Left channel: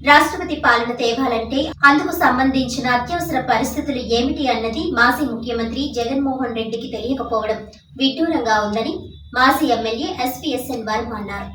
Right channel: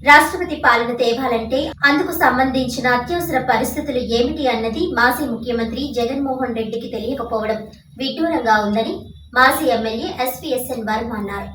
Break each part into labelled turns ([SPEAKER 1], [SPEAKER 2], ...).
[SPEAKER 1] రాష్ట్రపతి పాలన తేవాలంటే అందుకు సంబంధించిన అత్యవసర పరిస్థితులు ఏమిటి అన్నది మాజీ ముఖ్యమంత్రి జగన్మోహన్ రెడ్డికి తెలియకపోవడం విడ్డూరంగా ఉందని మాజీ ఎమ్మెల్యే ఎస్పీఎస్ఎన్ వర్మ అన్నారు.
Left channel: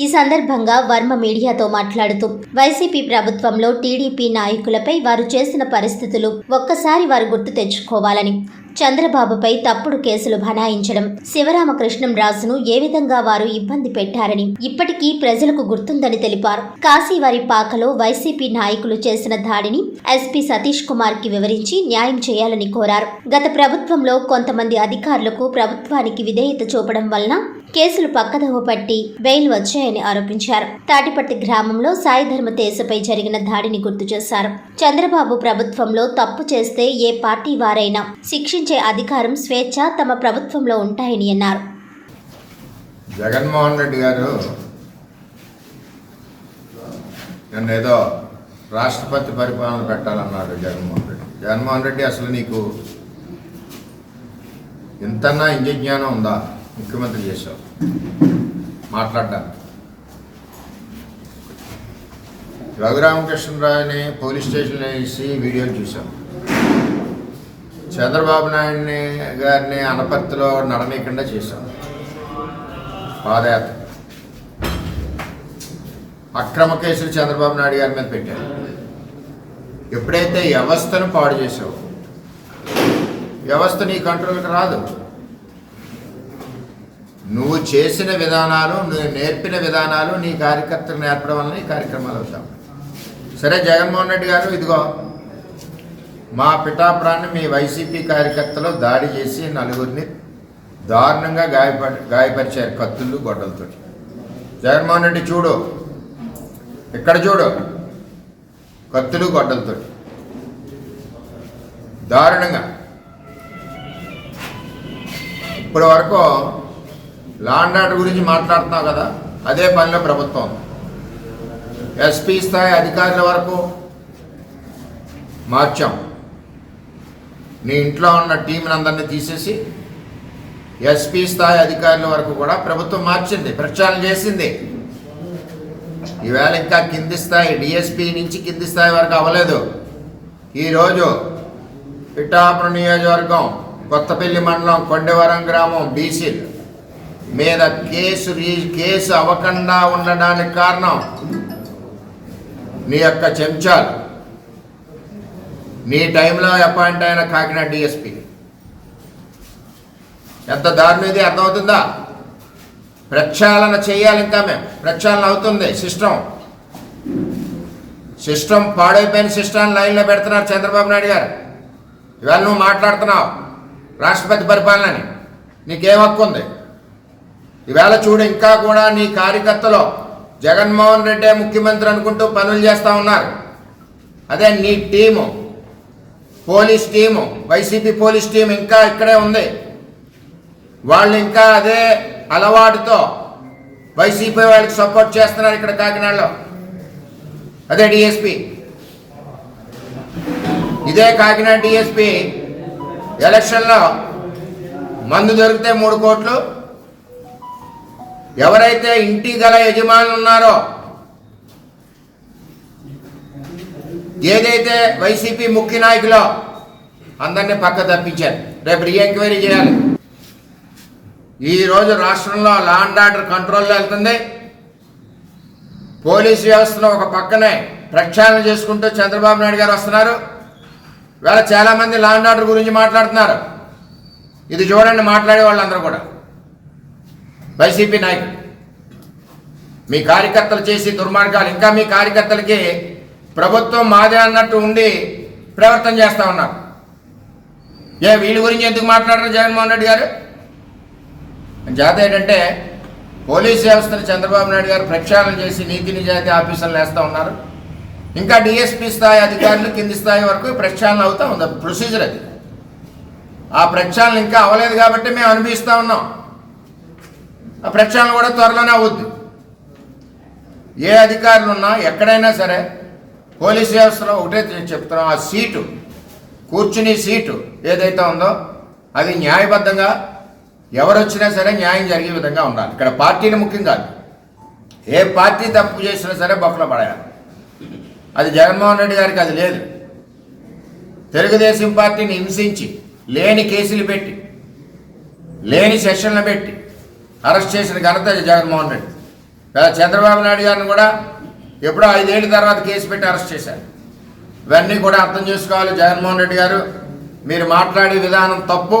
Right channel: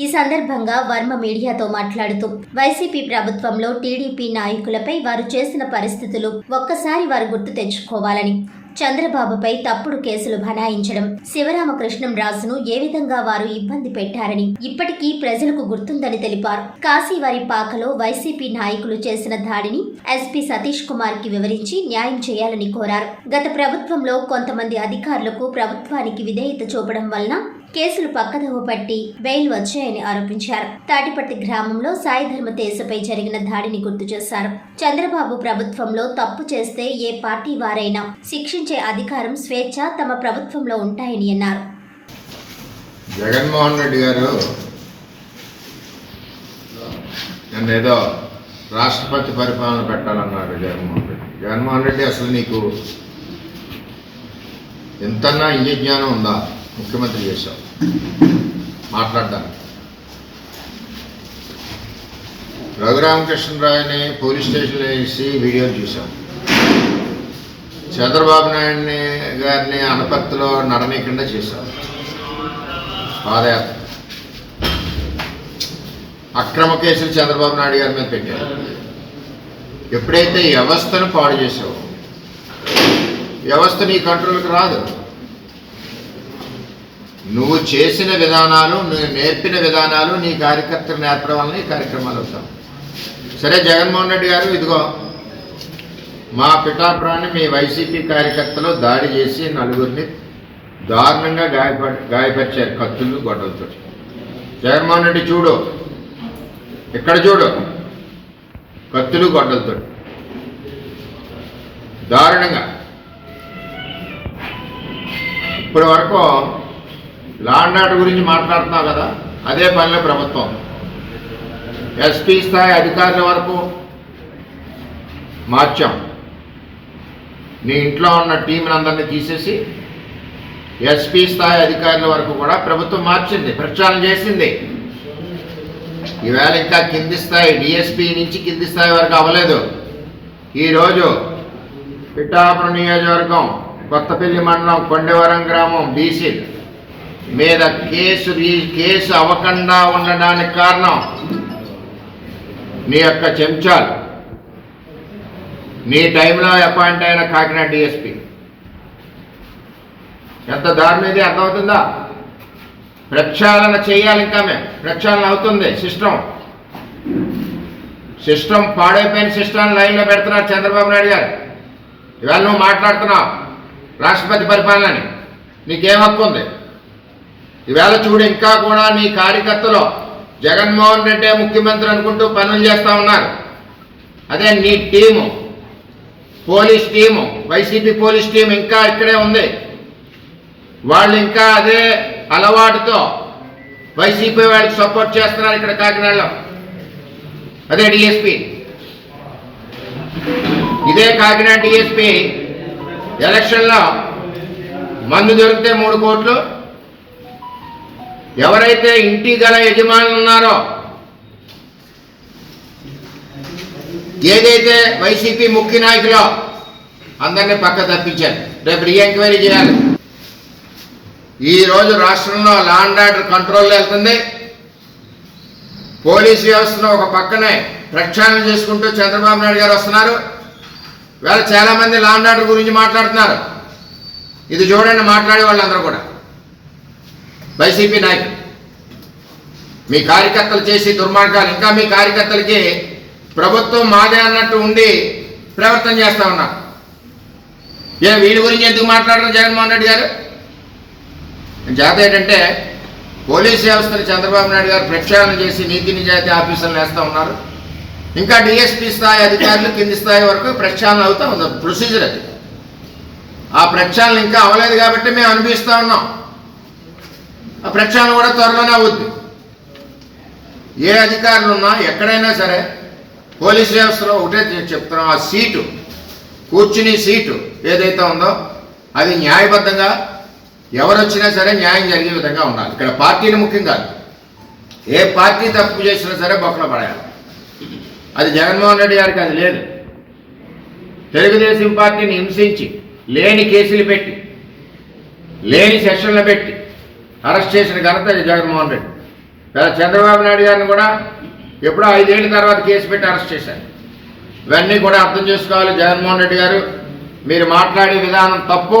[SPEAKER 1] ఈ సందర్భంగా వర్మ మీడియాతో మాట్లాడుతూ వైసీపీ ప్రభుత్వంలో టీడీపీ నాయకులపై వారు చేసిన పరిస్థితులు ఒక్కసారి వారు గుర్తు తెచ్చుకోవాలని చంద్రబాబుపై తప్పుడు కేసులు బనాయించడం శివరామకృష్ణం రాజును ఏ విధంగా వారు ఇబ్బంది పెట్టారని ఇప్పటికీ ప్రజలకు గుర్తుందని తెలిపారు. కాశీవారి పాకలో వైసీపీ నాయకులు చేసిన దాడిని ఎస్పీ సతీష్ కుమార్కి వివరించి న్యాయం చేయాలని కోరారు. గత ప్రభుత్వంలో కొంతమంది అధికారులకు ప్రభుత్వానికి విధేయత చూపడం వలన కేసులు పక్కదవ పట్టి బెయిల్ వచ్చాయని ఆరోపించారు. తాటిపట్టి గ్రామంలో సాయి ధర్మ తేజపై జరిగిన దాడిని గుర్తు చేశారు. చంద్రబాబు ప్రభుత్వంలో తప్పు చేస్తే ఏ పార్టీ వారైనా శిక్షించే అధికారం స్వేచ్ఛ తమ ప్రభుత్వంలో ఉంటాయని అన్నారు.
[SPEAKER 2] జగన్మోహన్ రెడ్డి గారు నన్ను ఏదో రాష్ట్రపతి పరిపాలన పెట్టాలన్నాడు జగన్మోహన్ రెడ్డి. జగన్మోహన్ రెడ్డి అసలు నీకు ఎంతన్నా ఇంజ జ్ఞానం ఉందా? ముఖ్యమంత్రి చేశావు మాట్లాడ్డాను రఘురామకృష్ణరావుని పోలీస్ స్టేషన్లో వేసి వీడియో చూసాం చంద్రబాబు నాయుడిని గారిని అనపత్తిలో నడనీయకుండా చేశాం. పాదయాత్ర. అక్రమ కేసులు చంద్రబాబు నాయుడు గారి మీద పెట్టారు. ఎప్పుడైతే వ్యవస్థను పాడు చేసావో వ్యవస్థ నీ కంట్రోల్కి రాదు. నువ్వు చేసిన విధానాలు నువ్వు నేర్పిన విధానాలు నీ కార్యకర్తలు నేర్పడం వల్ల ఈ కార్యక్రమాలు అవుతాం సరే జగన్మోహన్ రెడ్డి గారు ఇదిగో మా పిఠాపురాన్ని మీ వైసీపీ కార్యకర్తలు దాడి చేసి నలుగురిని దారుణంగా గాయప గాయపరిచారు కత్తులు గొడవలతో జగన్మోహన్ రెడ్డి చూడు. ఇక్కడ చూడు? కత్తులు గొడ్డలతో. దారుణంగా. ఇప్పటి వరకు లాండ్ ఆర్డర్ గురించి మాట్లాడుతున్నావు కదా అదే పనిలో ప్రభుత్వం. ఎస్పీ స్థాయి అధికారుల వరకు మార్చాం. నీ ఇంట్లో ఉన్న టీంని అందరినీ తీసేసి ఎస్పీ స్థాయి అధికారుల వరకు కూడా ప్రభుత్వం మార్చింది ప్రచారం చేసింది. ఈవేళ ఇంకా కింది స్థాయి డిఎస్పీ నుంచి కింది స్థాయి వరకు అవ్వలేదు. ఈరోజు పిఠాపురం నియోజకవర్గం కొత్తపల్లి మండలం కొండవరం గ్రామం బీసీ మీద కేసు రీ- కేసు అవ్వకుండా ఉండడానికి కారణం నీ యొక్క చెంచాలు. నీ టైంలో అపాయింట్ అయిన కాకినాడ డిఎస్పి. ఎంత దారుణం ఇది అర్థమవుతుందా? ప్రక్షాళన చేయాలి ఇంకా మేము. ప్రక్షాళన అవుతుంది సిస్టమ్ సిస్టమ్ పాడైపోయిన సిస్టమ్ లైన్లో పెడుతున్నారు చంద్రబాబు నాయుడు గారు. ఇవాళ నువ్వు మాట్లాడుతున్నావు రాష్ట్రపతి పరిపాలనని. నీకేం హక్కు ఉంది? ఈవేళ చూడు ఇంకా కూడా నీ కార్యకర్తలు జగన్మోహన్ రెడ్డి ముఖ్యమంత్రి అనుకుంటూ పనులు చేస్తూ ఉన్నారు. అదే నీ team police team YCP police team ఇంకా ఇక్కడే ఉంది. వాళ్ళు ఇంకా అదే అలవాటుతో వైసీపీ వాళ్ళకి సపోర్ట్ చేస్తున్నారు ఇక్కడ కాకినాడలో. అదే డిఎస్పి. ఇదే కాకినాడ డిఎస్పి ఎలక్షన్లో మందు దొరికితే మూడు కోట్లు ఎవరైతే ఇంటి గల యజమానులు ఉన్నారో ఏదైతే వైసీపీ ముఖ్య నాయకులో అందరినీ పక్క తప్పించారు. రేపు రీ ఎంక్వైరీ చేయాలి. ఈ రోజు రాష్ట్రంలో లా అండ్ ఆర్డర్ కంట్రోల్లో వెళ్తుంది. పోలీస్ వ్యవస్థను ఒక పక్కనే ప్రక్షాళన చేసుకుంటూ చంద్రబాబు నాయుడు గారు వస్తున్నారు. వేళ చాలామంది లా అండ్ ఆర్డర్ గురించి మాట్లాడుతున్నారు. ఇది చూడండి మాట్లాడే వాళ్ళందరూ కూడా. వైసీపీ నాయకులు. మీ కార్యకర్తలు చేసే దుర్మార్గాలు ఇంకా మీ కార్యకర్తలకి ప్రభుత్వం మాదే అన్నట్టు ఉండి ప్రవర్తన చేస్తా ఉన్నారు. ఏ వీడి గురించి ఎందుకు మాట్లాడరు జగన్మోహన్ రెడ్డి గారు? జాత ఏంటంటే పోలీస్ వ్యవస్థను చంద్రబాబు నాయుడు గారు ప్రక్షాళన చేసి నీతి నిజాయితీ ఆఫీసర్లు వేస్తూ ఉన్నారు. ఇంకా డిఎస్పీ స్థాయి అధికారులు కింది స్థాయి వరకు ప్రక్షాళన అవుతా ఉంది. ప్రొసీజర్ అది. ఆ ప్రక్షాళన ఇంకా అవ్వలేదు కాబట్టి మేము అనిపిస్తూ ఉన్నాం. ప్రక్షాళన కూడా త్వరలోనే అవుద్ది. ఏ అధికారులు ఉన్నా ఎక్కడైనా సరే పోలీస్ వ్యవస్థలో ఒకటే చెప్తున్నాం ఆ సీటు కూర్చుని సీటు ఏదైతే ఉందో అది న్యాయబద్ధంగా ఎవరు వచ్చినా సరే న్యాయం జరిగే విధంగా ఉండాలి. ఇక్కడ పార్టీలు ముఖ్యం కాదు ఏ పార్టీ తప్పు చేసినా సరే బొక్కలో పడాలి అది జగన్మోహన్ రెడ్డి గారికి అది లేదు. తెలుగుదేశం పార్టీని హింసించి లేని కేసులు పెట్టి లేని సెషన్లు పెట్టి అరెస్ట్ చేసిన ఘనత జగన్మోహన్ రెడ్డి. చంద్రబాబు నాయుడు గారిని కూడా ఎప్పుడో ఐదేళ్ళ తర్వాత కేసు పెట్టి అరెస్ట్ చేశారు. ఇవన్నీ కూడా అర్థం చేసుకోవాలి జగన్మోహన్ రెడ్డి గారు. మీరు మాట్లాడే విధానం తప్పు.